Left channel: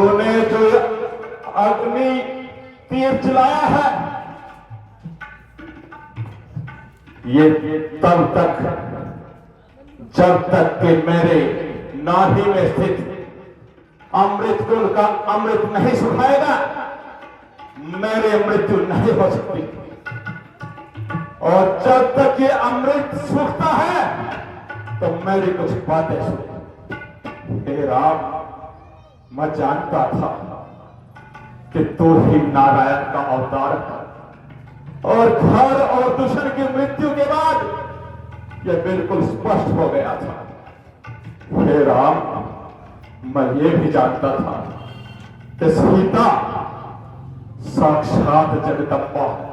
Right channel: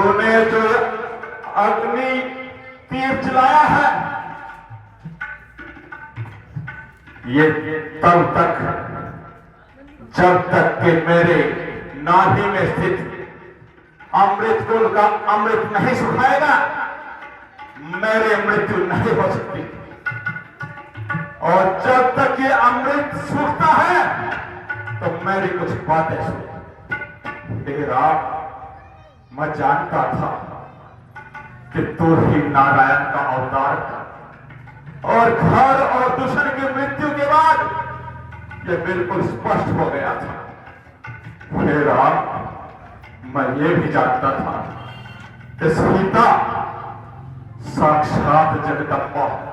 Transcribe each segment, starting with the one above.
तूने जो अग्नि तीर चलाया है, ये तब तक जब तक कि मेरे नाभि में स्थित अमृत कुल का अमृत नहीं सुखाएगा, मेरे मृत्यु नहीं हो सकती। और जब तक ये अमृत सूखता है तो मेरी कुछ बातें सुन। हे राम, मैं जानता था कि तू ही नारायण का अवतार है, और घर और दुश्मन की मृत्यु के बाद यह बिल्कुल स्पष्ट हो गया था। हे राम, मैं ये भी जानता था कि सीता साक्षात जगदम्बा है।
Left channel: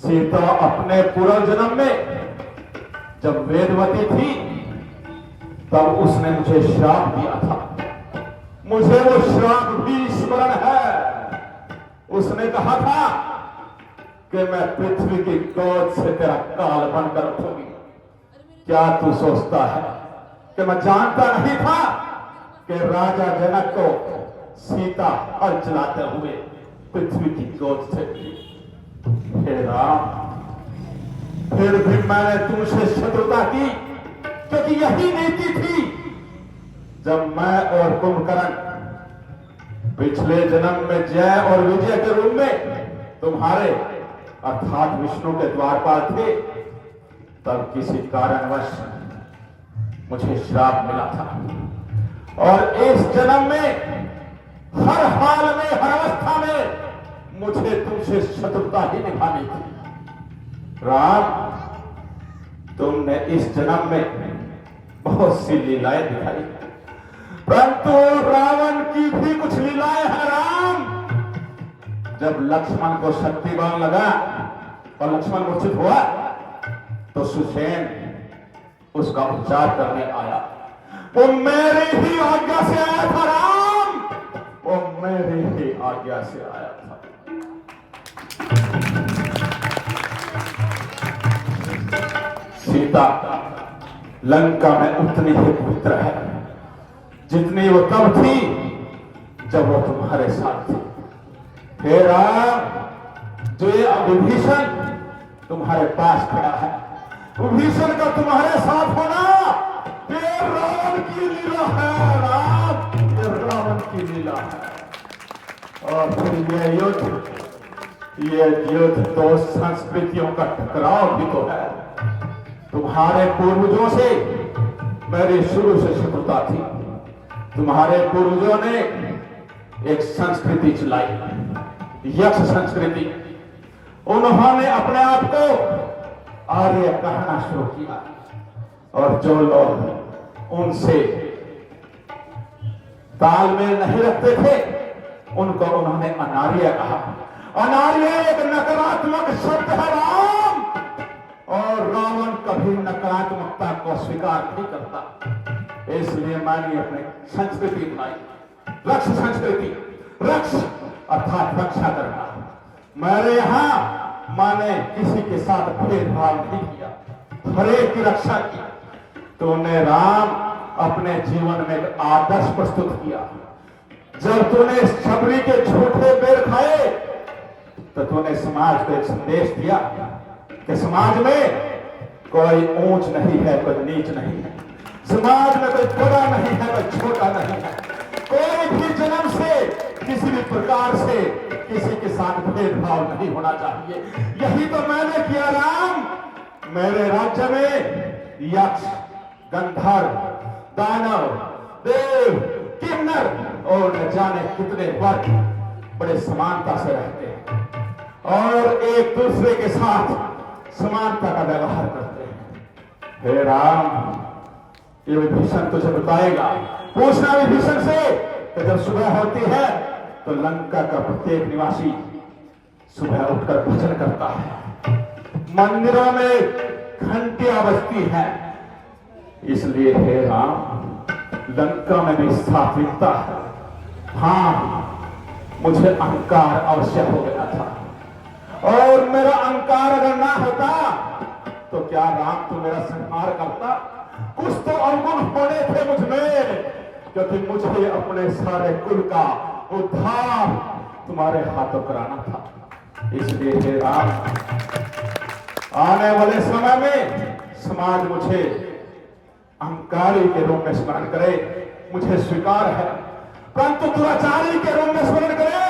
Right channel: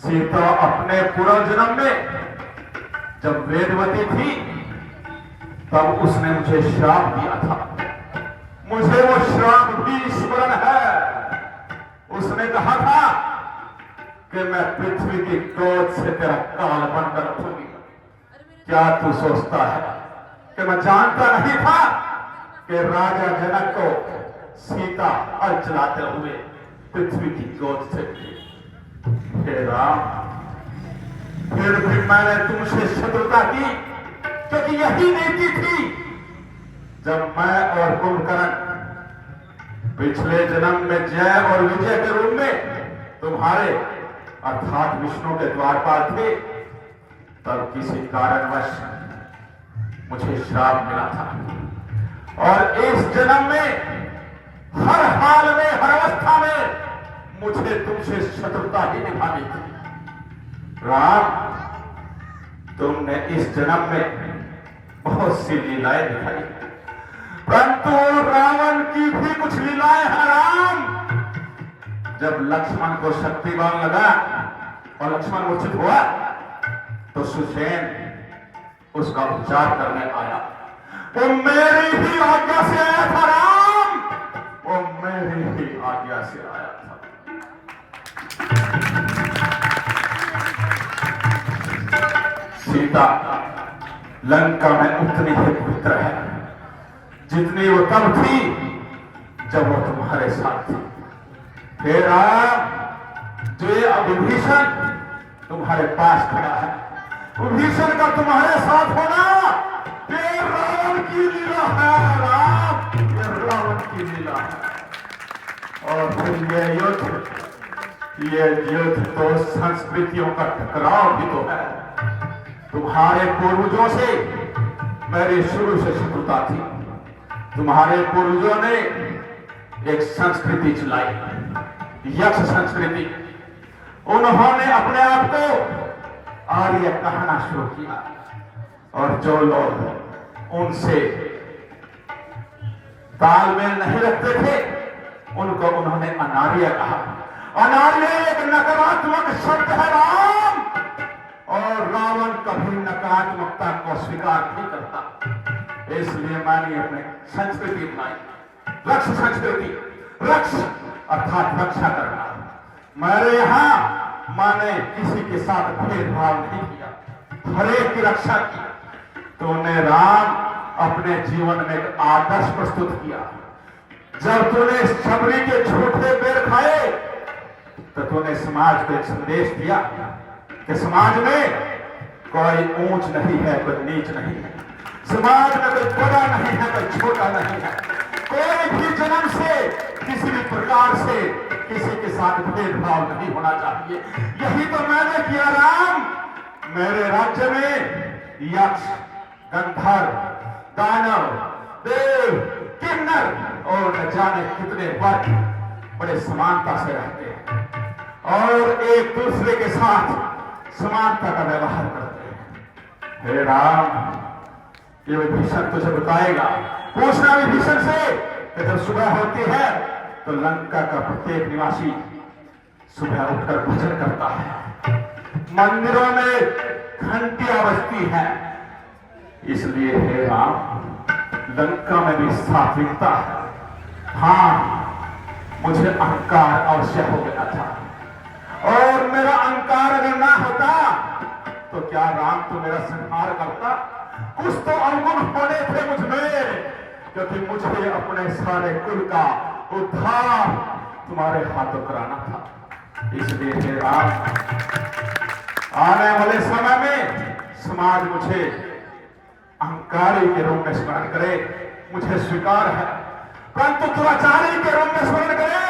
सीता अपने पूर्व जन्म में जब वेदवती थी तब उसने मुझे श्राप दिया था। मुझे वो श्राप भी स्मरण है। उसने कहा था कि मैं पृथ्वी की गोद से तेरा काल बनकर उठूंगी। क्या तू सोचता है कि मैं जानता नहीं था कि राजा जनक को सीता हल चलाते हुए पृथ्वी की गोद से उठी? हे राम, फिर भी मैंने तुमसे शत्रुता की, क्योंकि यही नीति थी। जब मैं और कुंभकर्ण पिछले जन्म में जय और विजय के रूप में तुम्हारे अर्थात विष्णु के द्वारपाल थे, तब किसी कारणवश मुझे श्राप मिला था। और इस जन्म में हर हाल में, हर अवस्था में मुझे तुमसे शत्रुता ही निभानी थी। राम, तुमने इस जन्म में बहुत सी लीलाएं दिखाई, परंतु रावण की भी कुछ लीलाएं हैं। राम, जब लक्ष्मण को शक्तिवान लगा और लक्ष्मण मूर्छित हुआ तो सुसेन उसका उपचार करने आया। वो मेरी ही आज्ञा से आया था। राम, वो मेरी ही आज्ञा से आया था। सीता लंका में उतनी ही पवित्र है जितनी वो तब थी जब वो तुम्हारे साथ थी। हे राम, जो ये विभीषण तुम्हारे पास खड़ा है, विभीषण का तुम्हारे साथ होना ये रावण की लीला है। राम, ये रावण की लीला है। और फिर ये युद्ध तो संस्कृतियों का टकराव भी तो है। तुम्हारे पूर्वजों से मेरी शुरू से शत्रुता थी। तुम्हारे पूर्वजों ने एक संस्कृति चलाई, यक्ष संस्कृति। उन्होंने अपने आप को आर्य कहना शुरू किया, और जो लोग उनसे तालमेल नहीं रखते थे उनको उन्होंने अनार्य कहा। अनार्य एक नकारात्मक शब्द है। राम, और रावण कभी नकारात्मकता को स्वीकार नहीं करता। इसलिए मैंने अपनी संस्कृति बनाई, रक्ष संस्कृति। रक्ष अर्थात रक्षा करना। मेरे यहां मैंने किसी के साथ भेदभाव नहीं किया, हरेक की रक्षा की। तूने राम अपने जीवन में एक आदर्श प्रस्तुत किया। जब तूने शबरी के झूठे बेर खाए तो तूने समाज को एक संदेश दिया कि समाज में कोई ऊंच नहीं है, कोई नीच नहीं है। समाज में कोई बड़ा नहीं है, कोई छोटा नहीं है। कोई भी जन्म से किसी भी प्रकार से किसी के साथ भेदभाव नहीं होना चाहिए। यही तो मैंने किया। राम, मेरे राज्य में यक्ष, गंधर्व, दानव, देव, किन्नर और न जाने कितने वर्ग बड़े समानता से रहते हैं और एक दूसरे के साथ समानता का व्यवहार करते हैं। हे राम, ये विभीषण तुझे बताएगा। पूछना विभीषण से कि जब सुबह होती है तो लंका का प्रत्येक निवासी सुबह उठकर भजन करता है, मंदिरों में घंटियां बजती हैं। इसलिए हे राम, लंका में भी सात्विकता है। हाँ, मुझे अहंकार अवश्य हो गया था, और मेरा अहंकार अगर ना होता तो क्या राम तो मेरा संहार करता? कुछ तो अवगुण होने थे मुझमें क्योंकि मुझे अपने सारे कुल का उद्धार तुम्हारे हाथों कराना था। इसलिए हे राम, आने वाले समय में समाज मुझे अहंकारी के रूप में स्मरण करे, मुझे स्वीकार है, परंतु दुराचारी के रूप में स्मरण करे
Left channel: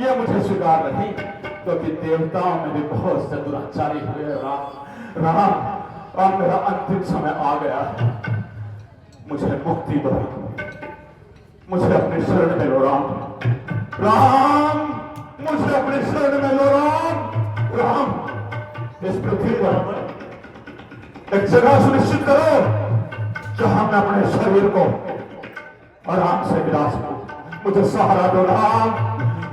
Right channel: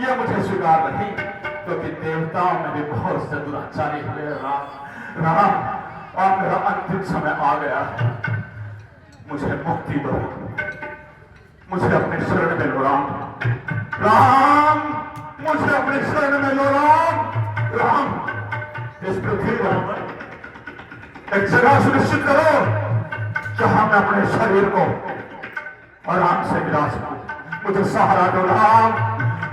ये मुझे स्वीकार नहीं, क्योंकि देवताओं में भी बहुत से दुराचारी हुए। राम, अब मेरा अंतिम समय आ गया, मुझे मुक्ति दो, मुझे अपने शरण में लो राम, मुझे अपने शरण में लो राम। इस पृथ्वी पर एक जगह सुनिश्चित करो जहां मैं अपने शरीर को आराम से मिला सकूं। मुझे सहारा दो राम,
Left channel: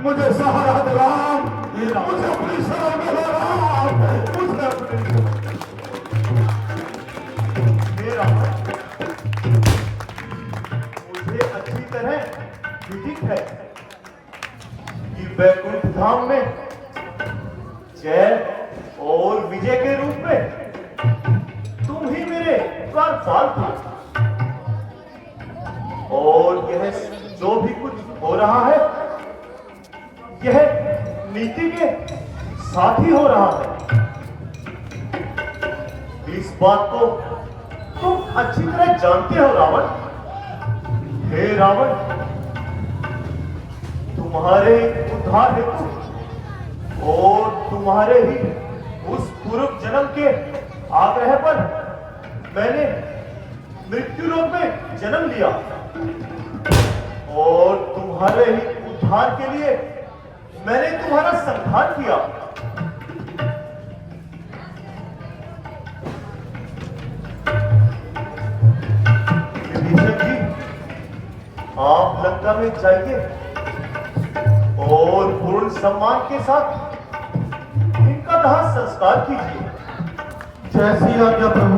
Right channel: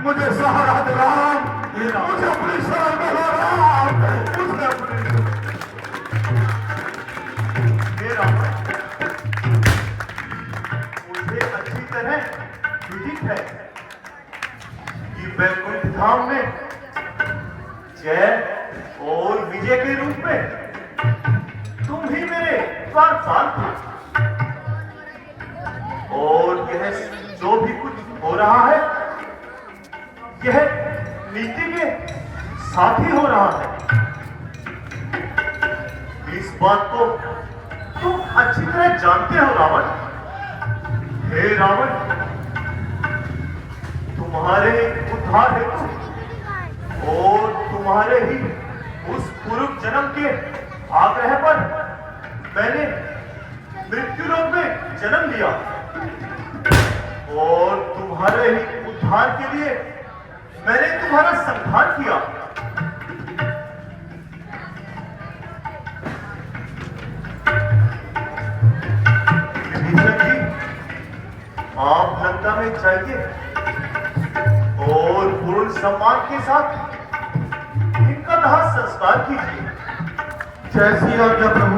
मुझे सहारा दो राम, मुझे अपने शरण में लो राम, मुझे अपने मुझे अच्छी तरह विदित है कि वैकुंठ धाम में जय और विजय के रूप में तुम ही मेरे द्वारपाल थे, और यह जो भी कुछ हो रहा है यह नीति के साथ ही हो रहा है। इस बात को तुम अच्छी तरह जानते हो रावण। हे रावण, तुम्हारे उद्धार हेतु और तुम्हारे ही उस पूर्व जन्म के आग्रह पर मैंने मृत्यु लोक में जन्म लिया, और तुम्हारे ही उद्धार के लिए मैंने तुम्हारा संहार किया। विभीषण जी, आप लंका में जाइए और पूर्ण सम्मान के साथ इनका दाह संस्कार कीजिए। जैसी आज्ञा प्रभु।